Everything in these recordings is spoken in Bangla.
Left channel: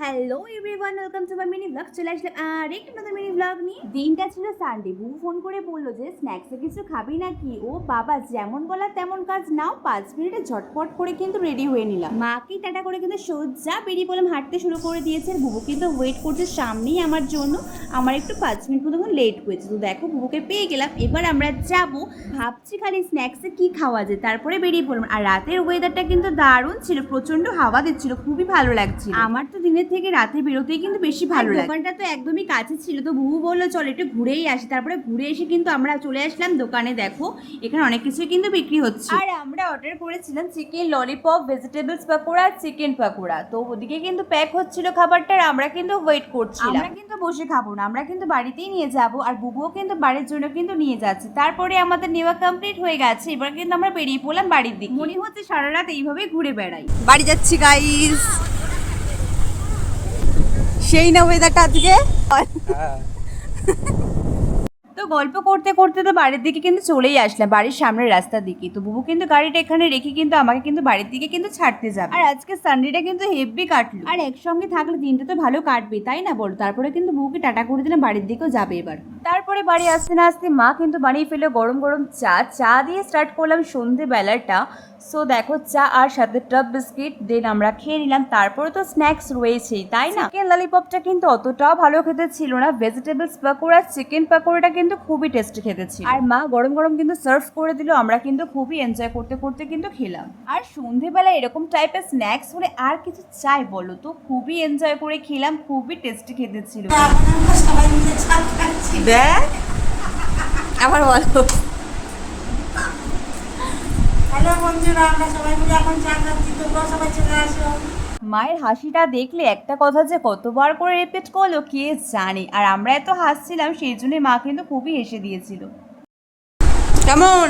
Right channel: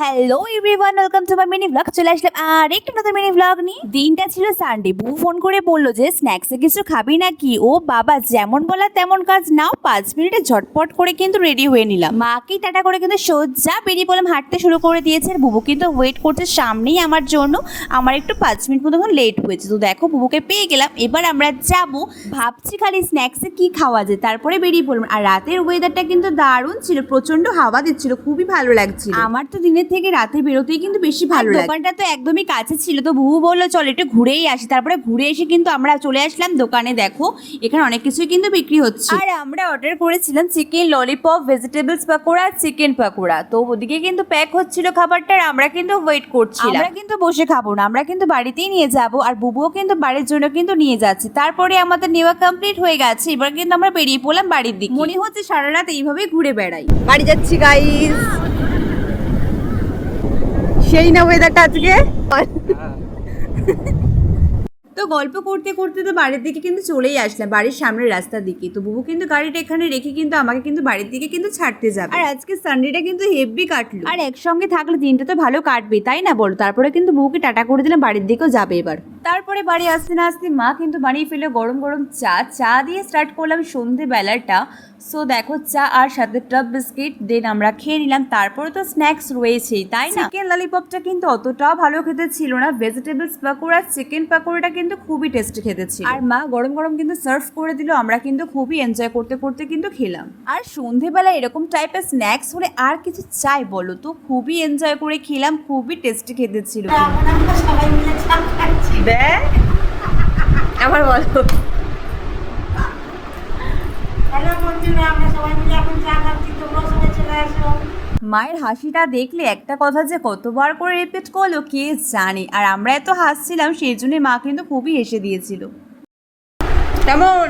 Hello everyone, welcome to my mini blog. চলে আসলাম আর একটা নতুন মিনি ব্লগ নিয়ে। দিনটা ছিল সানডে। বউ ফোন করে বললো যে স্ন্যাক্সে কিছু খাবি নাকি। ও বাবা, যেমন বলা তেমন কাজ। নাও 5 মিনিটে ঝটপট করে কিন্তু রেডি হয়ে নিলাম। মাকে টাটা করে কিন্তু সোজা বেরিয়ে পড়লাম, হাঁটতে শুরু করে দিয়েছে। আর বুবু কিন্তু ওয়েট করছে সামনেই আমার জন্য। আমার একটু 5 মিনিট মতো লেট হয়েছে, তো দেখো বুবুকে পেয়ে গেলাম। এবার আমরা যাব, ভাবছি খালি স্ন্যাক্সে কি খাওয়া যায়, তারপরে বেরিয়ে পড়লাম। আর রাতের ওয়েদারটা কিন্তু দারুণ ছিল, প্রচন্ড হাওয়া দিচ্ছিল, খুবই ভালো লাগছিল। আমার তো দিনের থেকে রাতে বেরোতেই কিন্তু বেশি ভালো লাগে। দোকানটা তো একদমই কাছে ছিল, তো বুবু বললো চল একটু ঘুরেই আসি। তারপরে ঘুরে এসে কিন্তু আমরা চলে আসলাম দোকানে। দেখো এখানে অনেক কিছুই কিন্তু বিক্রি হচ্ছে। আর আমরা অর্ডার করেছিলাম chicken lollipop, vegetables pakora, chicken pakora. তো ওদিকে কিন্তু প্যাক হচ্ছিল খাবারটা, আর আমরা কিন্তু ওয়েট করছিলাম। আমরা কিন্তু বসে খাবো না, আমরা কিন্তু বাড়িতেই নিয়ে যাব। আর বুবুও কিন্তু বাড়ির জন্য কিন্তু নিয়ে যাচ্ছে। তারপরে আমাদের নেওয়া কমপ্লিট হয়ে গেছে। এবার কিন্তু আমরা বেরিয়ে পড়লাম বাড়ির দিকে। মনে হচ্ছে সারা রাত এইভাবেই ঘুরে বেড়াই। বাড়ি যাচ্ছি গাইস। সেই না ওয়েদারটা আজকে। তো গল্প করতে করতে তো বাড়ির দিকে কিন্তু চলেই আসলাম, বাড়ির সামনের রাস্তার দিকে। তো বুবু কিন্তু গাড়িটা এখানে রেখে কিন্তু আমাকে কিন্তু বাড়ির দিকে কিন্তু ছাড়তে যাবে। আর আজকে সানডেটা কিন্তু হেভি কাটলো। আর একসঙ্গে থাকলে দিনটা তো ভালো কাটবে, তাই না বলো? তারপরে কিন্তু বুবুকে টাটা করে দিলাম, বাড়ির দিকেও যাবে এবার। তারপরে বাড়ি আসতে না আসতে মা কিন্তু বানিয়ে ফেলে গরম গরম চা দিয়ে স্টার্ট করলাম সন্ধেবেলাটা। সো দেখো চা আর সাথে টপ বিস্কিট দেন আমরা খেয়ে নিলাম। তারপরে তো স্ন্যাক্স রয়েছেই, তাই না? চিকেন ললিপপটা কিন্তু অতটাও ভালো খেতে ছিল না। ভেজিটেবলস পাকোড়া, চিকেন পাকোড়াটা কিন্তু খুবই টেস্টি খেতে ছিল। আর মা গরম গরম কিন্তু সার্ভ করে দিল, আমরা কিন্তু খুবই এনজয় করতে করতে কিন্তু খেলাম। আর সন্ধেবেলা এরকম টাইপের স্ন্যাক্স হলে আর কিছু চাই বলো? তো খুবই এনজয় করে খেলাম, খুবই টেস্টি খেতে ছিল। দেখ আবার বলো। হ্যালো বন্ধুরা, আমরা সবাই মিলে এখন চা খাচ্ছি, তোমরাও সবাই চলে আসো। মায়ের হাসিটা দেখলে একটা কথা যে কতবার করে রিপিট করলো কে জানে। আর আমরা এত হাসছিলাম, সেই জন্য মা কিন্তু খুবই হেসে দিয়েছিল। কেমন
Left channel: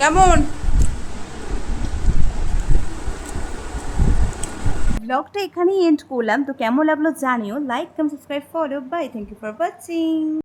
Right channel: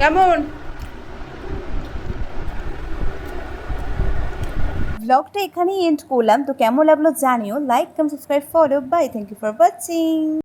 কেমন ব্লগটা এখানেই এন্ড করলাম। তো কেমন লাগলো জানিও। Like, comment, subscribe, follow. Bye, thank you for watching.